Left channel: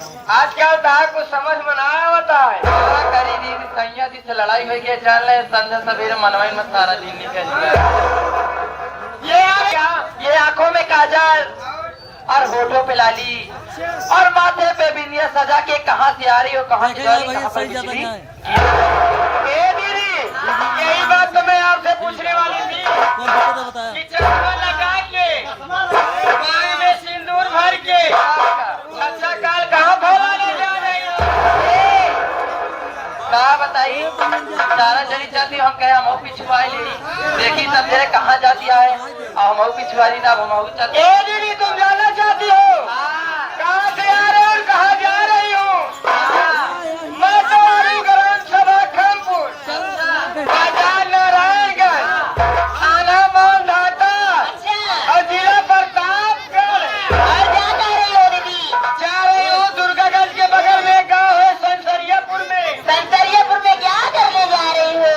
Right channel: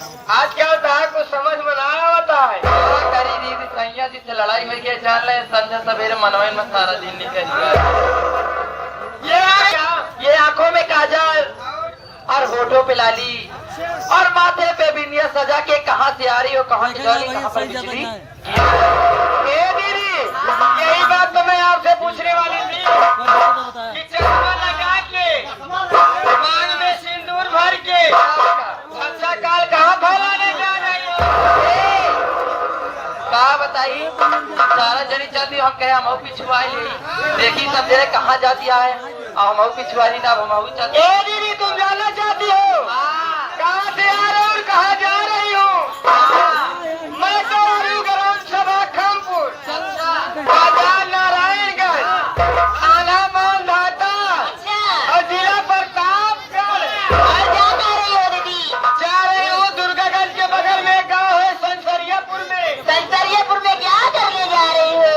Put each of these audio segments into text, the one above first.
आज क्या होता है कुछ समझ में ना होता है। क्या करी दीदी सैया जी से लड़ाई हुई के चल रहे संध्या सवेरे मनवाई में सारा दिन निकल गया। ये आंखों में काजल और होठों पे लाली और माथे पे बिंदिया सजा के कहाँ से आ रही हो कहाँ से जा रही कहाँ पर बिजली। दीदी यही बात तो मैं आपसे पूछने वाली थी कि चश्मा लगा के कान में सिंदूर भर के अच्छा काल कहाँ फैलाने जा रही हो। कहा बताई सारा जरी चलती हम कहे हम पिछुआ ले देखी तब जरे कहाँ जाती है और हम पिछुआरी ना हम चलते। दीदी तुम जाना चाहती हो कहाँ से आ रहे हो और कहाँ जा रही हो। मैं तो आ रही हूँ ग्राम सभा खमपुर बाजार नारायणगंज थाना मालधाता और जिला प्रतापगढ़। जा रही हूँ दुर्गागंज के बगल में गाँव है संसरियापुर में। संसरियापुर में क्या करने जा रही हो?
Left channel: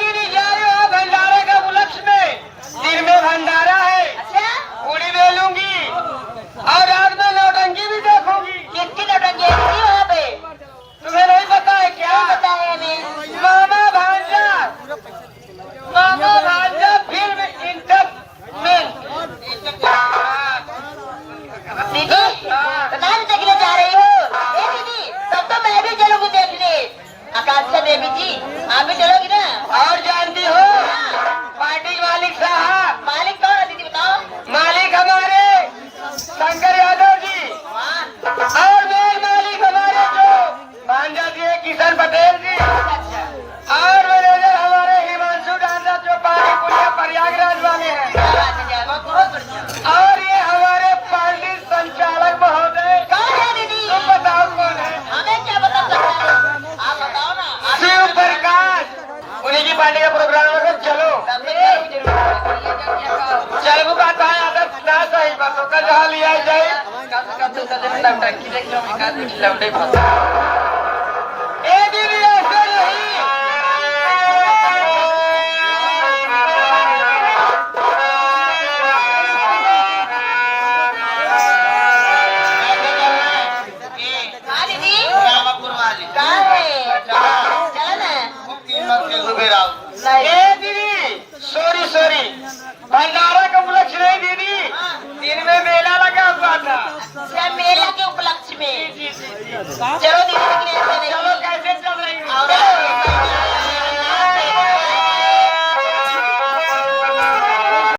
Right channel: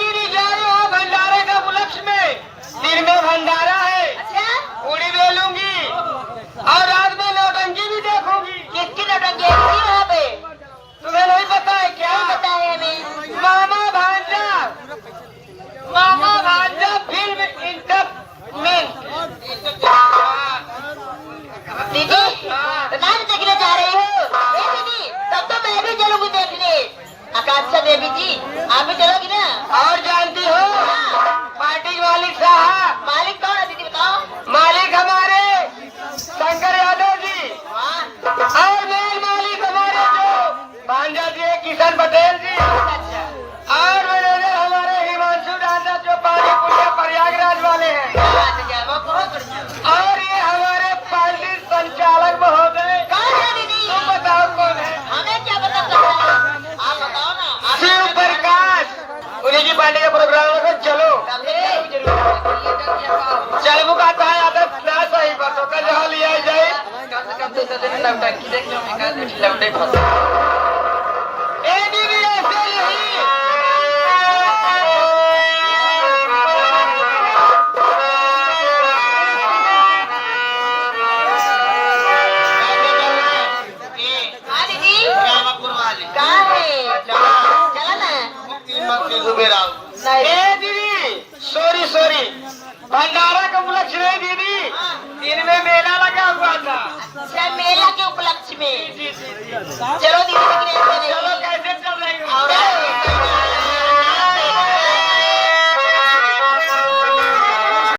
दीदी जा रही हूँ भंडारे का उपलक्ष्य में। दिन में भंडारा है पूड़ी बेलूंगी और रात में नौटंकी भी देखूंगी। किसकी नौटंकी है दीदी वहाँ पे? तुम्हें नहीं पता है क्या? पता है हमें। मामा भांजा फिल्म इंटरमेंट। दीदी नाम देखने जा रही हो? दीदी तब तो मैं भी चलूंगी देखने। आकांक्षा देवी जी आप भी चलोगी ना? और जानती हो पार्टी मालिक साहब। मालिक कौन है दीदी बताओ? मालिक हमारे शंकर यादव जी और मेन मालिक हमारे जो भांजा जी है किशन पटेल जी और मैनेजर हमारे हिमांशु डांडा जो पानी पुलिया प्रयागराज वाले हैं। और ये हमारे पार्टी संचालक महोदय। कौन है दीदी? तुम बताओ कौन है? हमें क्या पता चलता है? आप बताओ ना। शिव प्रकाश उन्हीं की पार्टी का प्रोग्राम है। चलो चल वो कहता है आदत ना सही बातों का जहाँ लिया जाए। दीदी ऐसे नहीं हाँ दीदी रामापुर वाली कहाँ है? चला ना। दीदी सॉरी भंडारा का उपलक्ष्य नहीं दीदी दिन में मेला लगा हुआ था। अच्छा मेला के उपलक्ष्य में। जी चलो दीदी लेकिन ऐसे नहीं